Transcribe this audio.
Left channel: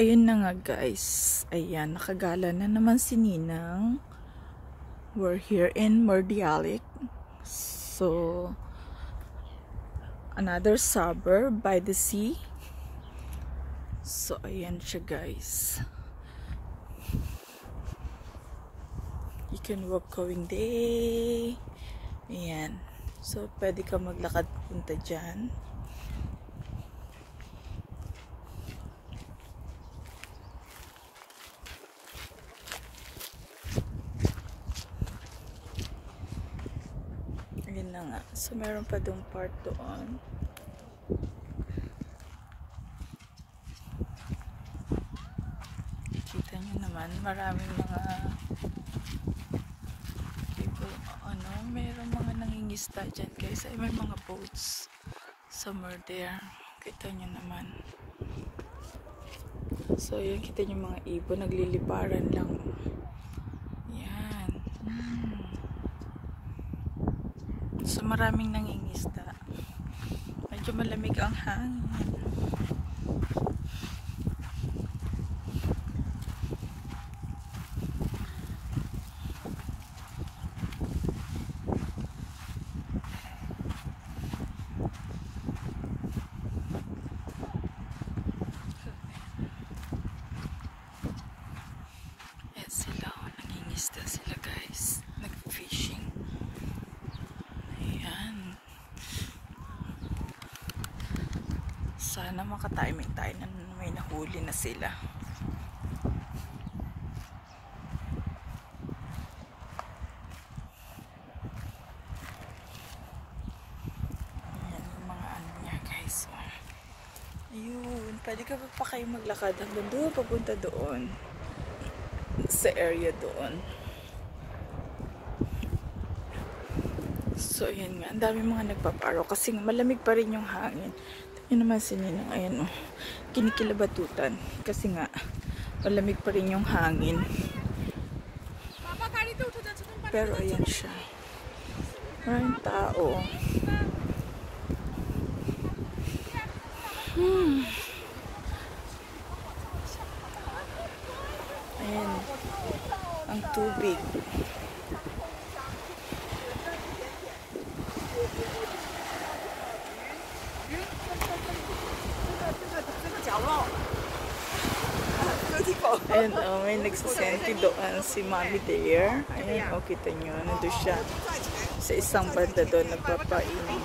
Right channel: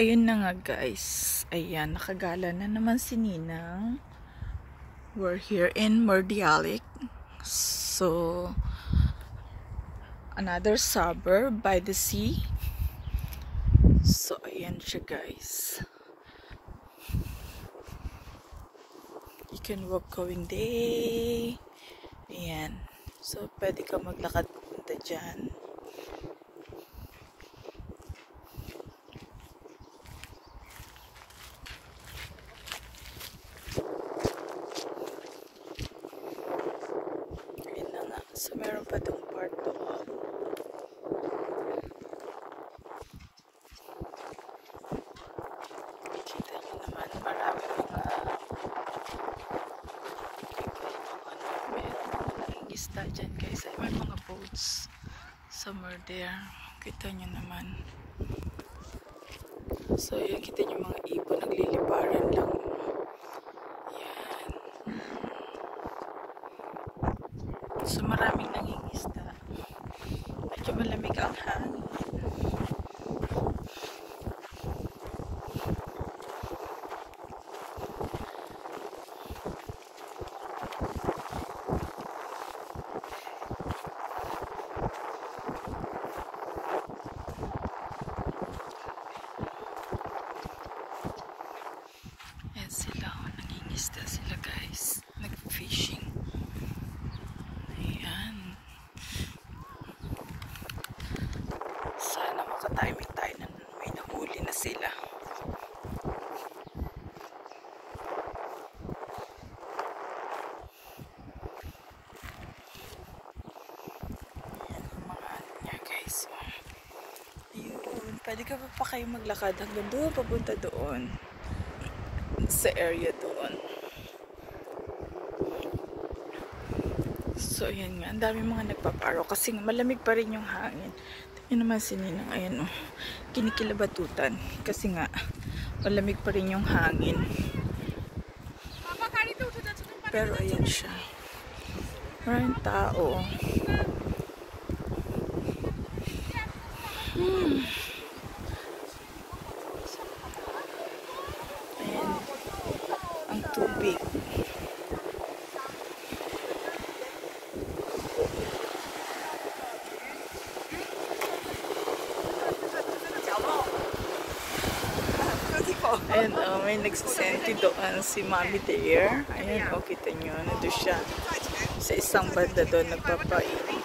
Ayun na nga guys, ayan, nakagala na naman si Ninang. We're here in Mordialloc. So, another suburb by the sea. So, ayan siya guys. You can walk going day. Ayan. So, pwede ka maglakad pupunta dyan. So, meron pa itong part doon. Kita nyo naman, marami mga meron mga nangingisda dyan guys. Ay, may mga boats somewhere there. Kita nyo naman. So, yan, kita nyo mga ibon, nagliliparan lang. Yan. So, maraming nangingisda. Medyo malamig ang hangin. Yan sila, nangingisda sila guys. Nag-fishing. Sana makatiming tayo na may nahuli na sila. Ayan yung mga ano niya guys. Ayun, pwede ka pa kayo maglakad hanggang doon, papunta doon. Sa area doon. So ayan nga, ang dami mga nagpaparo kasi nga malamig pa rin yung hangin. Yun naman si Ninang, ayan o, kinikilabatutan kasi nga malamig pa rin yung hangin. Pero ayan siya, maraming tao. Ayan ang tubig. Ayan, may nagsasenti doon si Mommy there. Ayan, kita nyo, nandun siya sa isang banda doon, nagpapainit.